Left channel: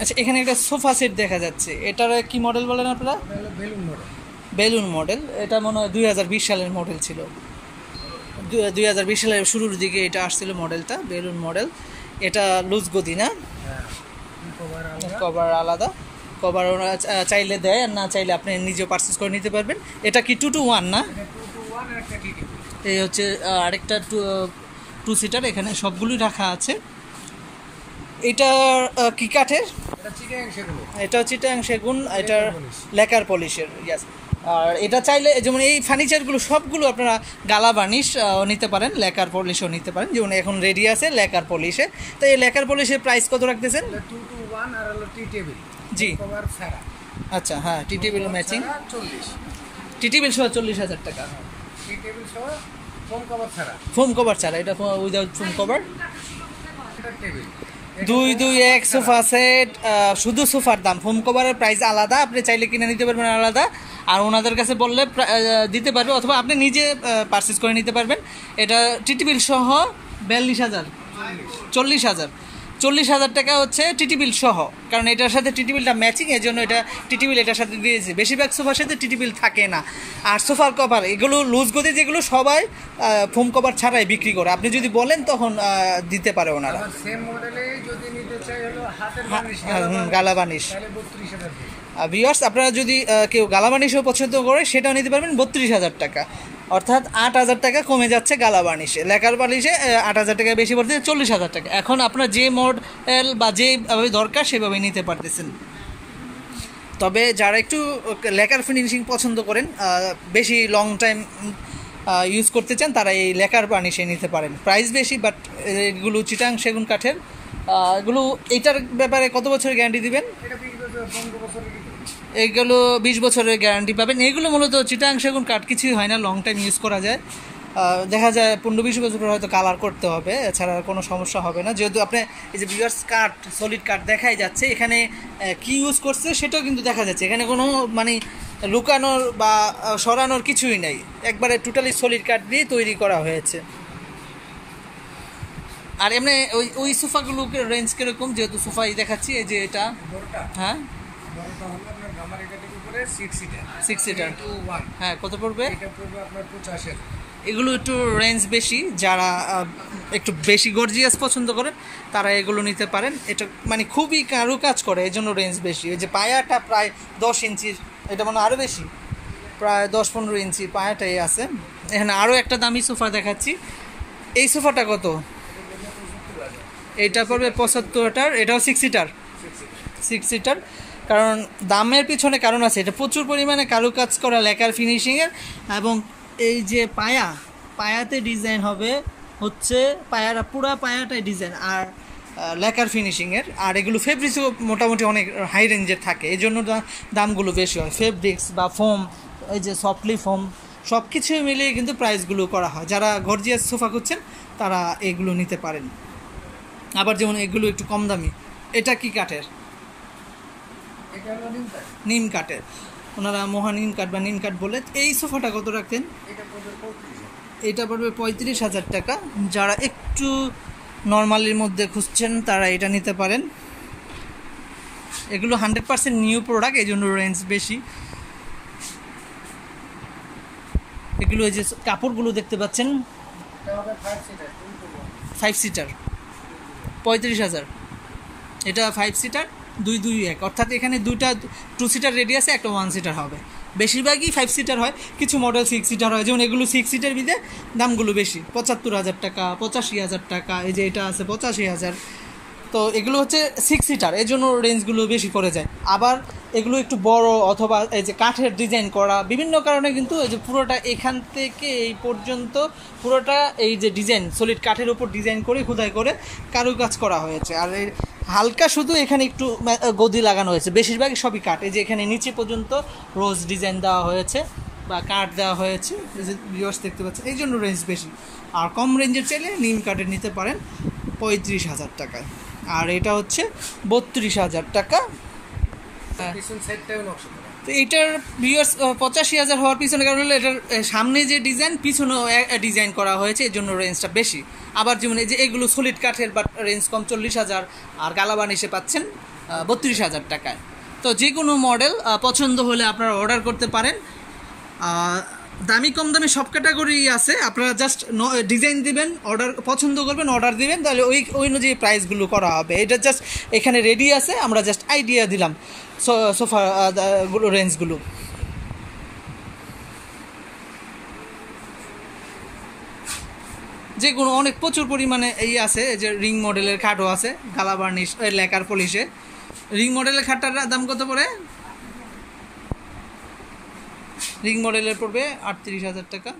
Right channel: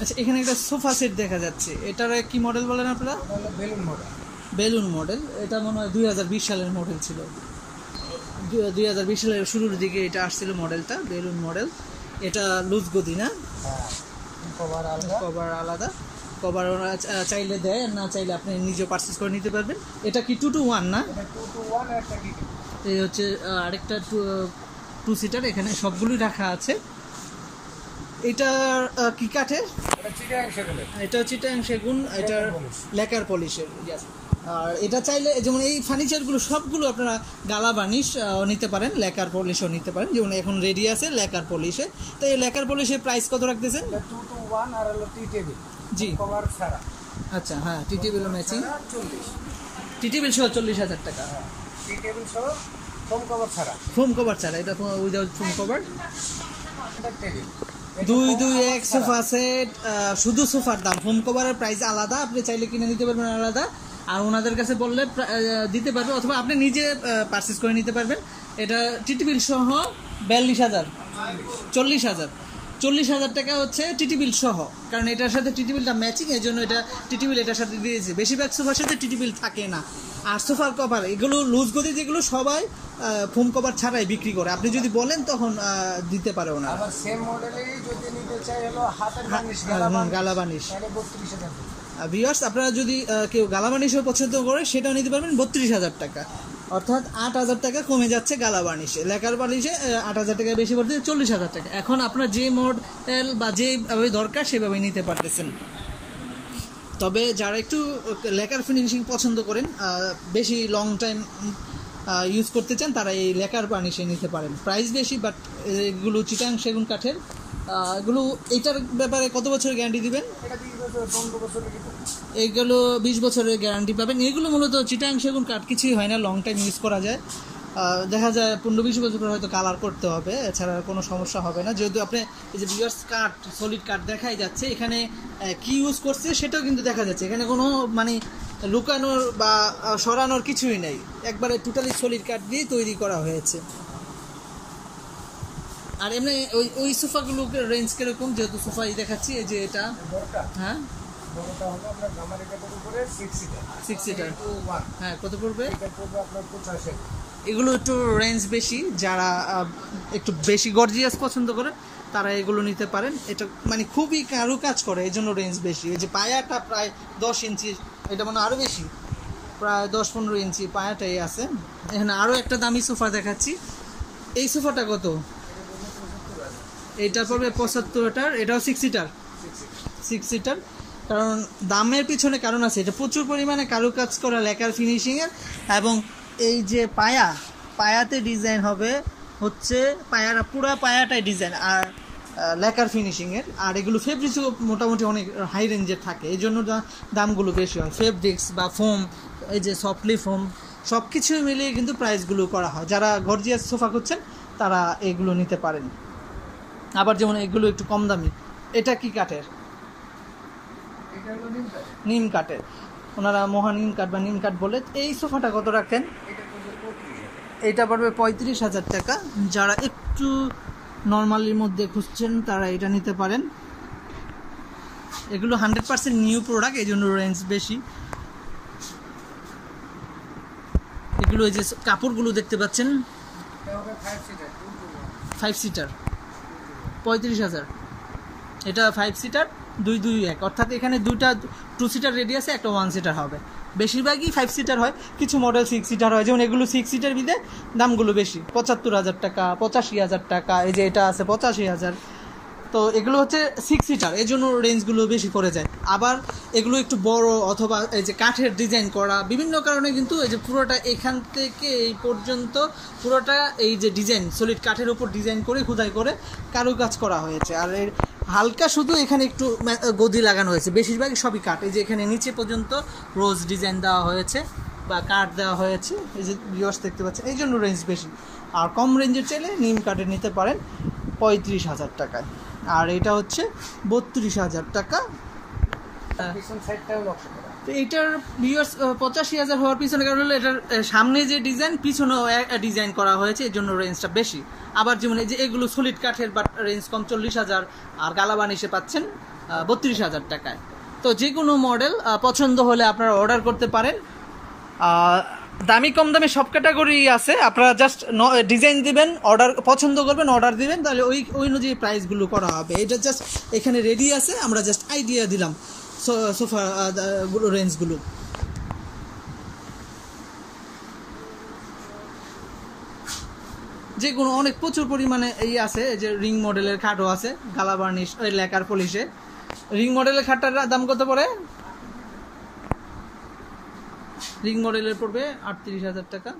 আচ্ছা, এখানে একটা সোফা সেট দেখা যাচ্ছে, এটার কি মডেল বলেন আপনারা? Balloon model. এটা মনে হয় 2020 সালের মডেল ছিল, 2020 সালের শুরুর দিকে এটা আসছিল মডেলটা, বেলুন মডেল। এটা লুজ গদি না, কভার আলাদা, কভার ওরা চাইলে দেয়, আর না চাইলে আপনি নিজেও পারচেস করে নিতে পারবেন। এটা কি 2-to-1 না? এই হচ্ছে আরেকটা 2 সিটার, এখানে সবগুলোই রাখা আছে। এটা কি কাঠের? এটা চিটাং সেগুন, এটার লেকার পলিশের। ইয়াস। আর এটা চাইলে যেমন এই ফার্নিচারগুলো সবগুলো আপনারা গালা বার্নিশ নিতে পারেন, লেকার পলিশও নিতে পারেন, যেমন এখন রেডি আছে লেকার পলিশে। তো এই লেকার পলিশের প্রাইস কত রাখতেছেন? 2-to-1 আর হলো টি টেবিল। জি, কভার ছাড়া। আচ্ছা, হ্যাঁ, টি টেবিল ম্যাচিং 40, টি টেবিল সহ 40,000 টাকা। টি টেবিল সহ ফোম কভার ছাড়া। ফোম কভার ছাড়া, এটা উইদাউট ফোম কভার। এটা টেবিল 2-2-1 সোফা সেট, শুধু সোফার দাম, ফোম কভারের প্রাইস আলাদা, আপনি চাইলে কিনে নিতে পারবেন আলাদা, আর ওনাদের কাছে বললে দিতে পারবে, অথবা আপনি নিজে পারচেস করে নিতে পারবেন। এটা টিটি বিল সহ 42,000, 40,000 টাকা হচ্ছে টিটি বিল সহ, কারণ এটার সাথে টিটি বিলটা ম্যাচিং, এর জন্য এটা টিটি বিল এটার সাথে দিয়েছে। বেশিরভাগ সোফার সাথে টিটি বিল থাকে না। আর সোফার কভার এগুলো লুজ গদি যেগুলো সবাই ফোম কভার ছাড়াই বিক্রি করে, আপনি যদি বলেন তখন দিতে পারে ওনারা। আবার সেম মডেলেই যদি নিতে চাই হলো হাতের বানিশ, গালা বানিশ। তাহলে 32,000। ভিউয়ার্স, আপনারা যদি কেউ গালা বার্নিশও পছন্দ করে সেটাও নিতে পারবেন 32,000 টাকা, অর্থাৎ 8,000 টাকা কমে যাচ্ছে গালা বার্নিশে। লেকার বার্নিশে 8,000 টাকা বেশি পড়তে 40,000 টাকা। এখন আপনার যে মডেল বা যেভাবে দরকার সেভাবে নিতে পারতেছেন। তবে যারা একটু লেকার ফিনিশিং পছন্দ করেন, বেশি লং টাইম ইউজ করতে চান, তারা এই লেকার বার্নিশে নিতে পারেন। প্রাইস বেশি, বাট এগুলো চিটাং সেগুন কাঠের। এগুলো এইটার ব্যাপারে কত বছরের গ্যারান্টি দিবেন? এটা 20 বছর 15 বছর। এইগুলো 20 বছরের গ্যারান্টি পাবেন। এইগুলো মূলত চিটাং সেগুন কাঠ, কিছুই হয় না, লং টাইম ইউজ করা যায়। দেখা যায় 15-20 বছর পর হয়তো কালার করতে হবে, এছাড়া কোনো সমস্যা হবে না। যেহেতু আপনি এই যে ভিউয়ার্স কাঠ, সলিড কাঠ দেখাই যাচ্ছে, এখানে কি ইউজ করছে সেটাও কিন্তু দেখা যাচ্ছে। এখানে কোনো মানে লুকানোর বা সরানোর কিছুই নেই, একবারে টোটালি সলিড কাঠ দিয়ে তৈরি করা হয়েছে। আর এমনি ওই সোফাগুলোকে রেঞ্জ কিরকম? যেহেতু সোফাই দেখাচ্ছি, এই যে এটা বড়টা, হ্যাঁ, বড়টা হলো আপনার গামারি কাঠের উপরে 6 সিটার। 6 seater, 2-to-1। হ্যাঁ, কত পড়বে? এটা পড়বে আপনার 85,000। এগুলো একটু রেঞ্জ বেশি, যারা একটু বেশি গর্জিয়াস পছন্দ করেন তারা এগুলো নিতে পারেন। এটা মানে খুবই কারুকাজ করে, এই জন্য রেঞ্জ বেশি। এই যে পায়াটা প্রায় 10 ইঞ্চির, এটা মানে আরও বেশি, প্রায় 10-15 ইঞ্চি পায়াটাই আছে। এখানে আরও একটা দামি সোফা দেখাচ্ছি। এই সোফাটা কত? এইটা পড়বে 75টার, এটাও 6 সিটার। কারণ দামের পিছনে কারণ আছে, এটা প্রচুর পরিমাণে কারুকাজ করা লেকার ফিনিশিংয়ের, এবং এই যে পায়াতে ডিজাইন হবে হচ্ছে পুরা পায়াটাই ডিজাইন আর লেকার ফিনিশিংয়ের। আর এগুলো ফেব্রিক্সও মোটামুটি অনেক হাই রেঞ্জের থাকে, এই জন্য দামগুলো বেশি হয়। ফেব্রিক্স বা ফোম, এই যে সফটলি ফোম, সব কিছুই মিলিয়ে কিন্তু প্রাইসগুলো করা হয়। যারা গর্জিয়াস সোফা খুঁজছেন তারা এগুলো নিতে পারেন। আবার যেমন এগুলো একটু কম দামি। এটা কি কাঠের? এটা হলো নিম কাঠ। নিম কাঠের, ওনারা মহানিম কাঠ বা নিম কাঠ বলে। এই সোফাটা কত রাখেন? এটা পড়বে 35,000। এইটা পড়বে 35,000 টাকা। যারা একটু নর্মালির মধ্যে খুঁজছেন তারা এটা নিতে পারেন। এগুলো 100% নিউ প্রোডাক্ট, এই জন্য রেঞ্জ বেশি। এগুলো এই যে কাপড়গুলো দেখতে পাচ্ছেন, এটা হবে 5 সিটার, 2-to-1। 5 সিটার 35,000। এটা 5 সিটার 2-2-1, অর্থাৎ এখানে 2 সিটার রেডি আছে, একটা 1 সিটার হবে। বেশিরভাগই 5 সিটার হয়, কিছু মডেল 6 সিটার হয়। যেমন এগুলো 6 সিটার বিদে দামগুলো বেশি, 75,000 টাকা, 85,000 টাকা। এই যে এটা আছে 85,000। তো এগুলো হচ্ছে 6 সিটার, এই জন্য রেঞ্জগুলো বেশি পড়ে যায়। আবার এগুলো একটু বড়, অথবা এই যে কাঠের ডিজাইন করা, বিভিন্ন কারণে কিন্তু এই যে পুরোটা এখান থেকে এই পর্যন্ত পুরোটা এই যে ডিজাইন সলিড কাঠের উপর ডিজাইন করে খোদাই করে কারুকাজ করা হয়েছে। আর এর হালকা শুধু এখানে একটু গদি লাগানো হয়েছে, বেশিরভাগই সবই কাঠ। এই যে এখানে নিচে পর্যন্ত রোজ ডিজাইন দেওয়া হয়েছে বা কাঠ দেওয়া হয়েছে, এই যে ভিউয়ার্স দেখতে পাচ্ছেন, এই জন্য রেঞ্জ বেশি। আর কম রেঞ্জের চাইলে নিম কাঠের নিতে পারেন 35,000 টাকায়। আর এটা হচ্ছে 32,000 টাকা। পিছন সাইডটাও নকশা করা। তো এটার ভিউয়ার্স 85,000 হওয়ার পিছনে কারণ হলো এটার সামনে যে ডিজাইন, পিছনেও ডিজাইন করা হয়েছে, এর জন্য রেঞ্জটা বেশি। আবার যেমন এই যে এগুলো সলিড কাঠের, বাট রেঞ্জ কম, 40,000। আর গালা বার্নিশে পাচ্ছেন 32,000 টাকায়। তো যে কোনো মডেল পছন্দ হলে আপনারা অর্ডার করতে পারেন। দামি কম দামি সব ক্যাটাগরি আছে, আপনারা জাস্ট ডিজাইন দিবেন, অর্ডার পছন্দ করবেন, অর্ডার দিবেন, তাহলে ওই অনুযায়ী প্রাইসগুলো করা হবে। এটা জাস্ট এখানে রেডি আছে, আমরা জাস্ট আইডিয়া দিলাম সোফা গুলো রেঞ্জগুলো। যে কোনো অনেক প্রচুর পরিমাণে এই আছে, যে রিং মডেলের খাটও আছে, গালা বার্নিশ লেকার পলিশে। রিং মডেলের খাটটার দাম কত পড়ে? রিং মডেলের পড়বে 38,000 টাকা।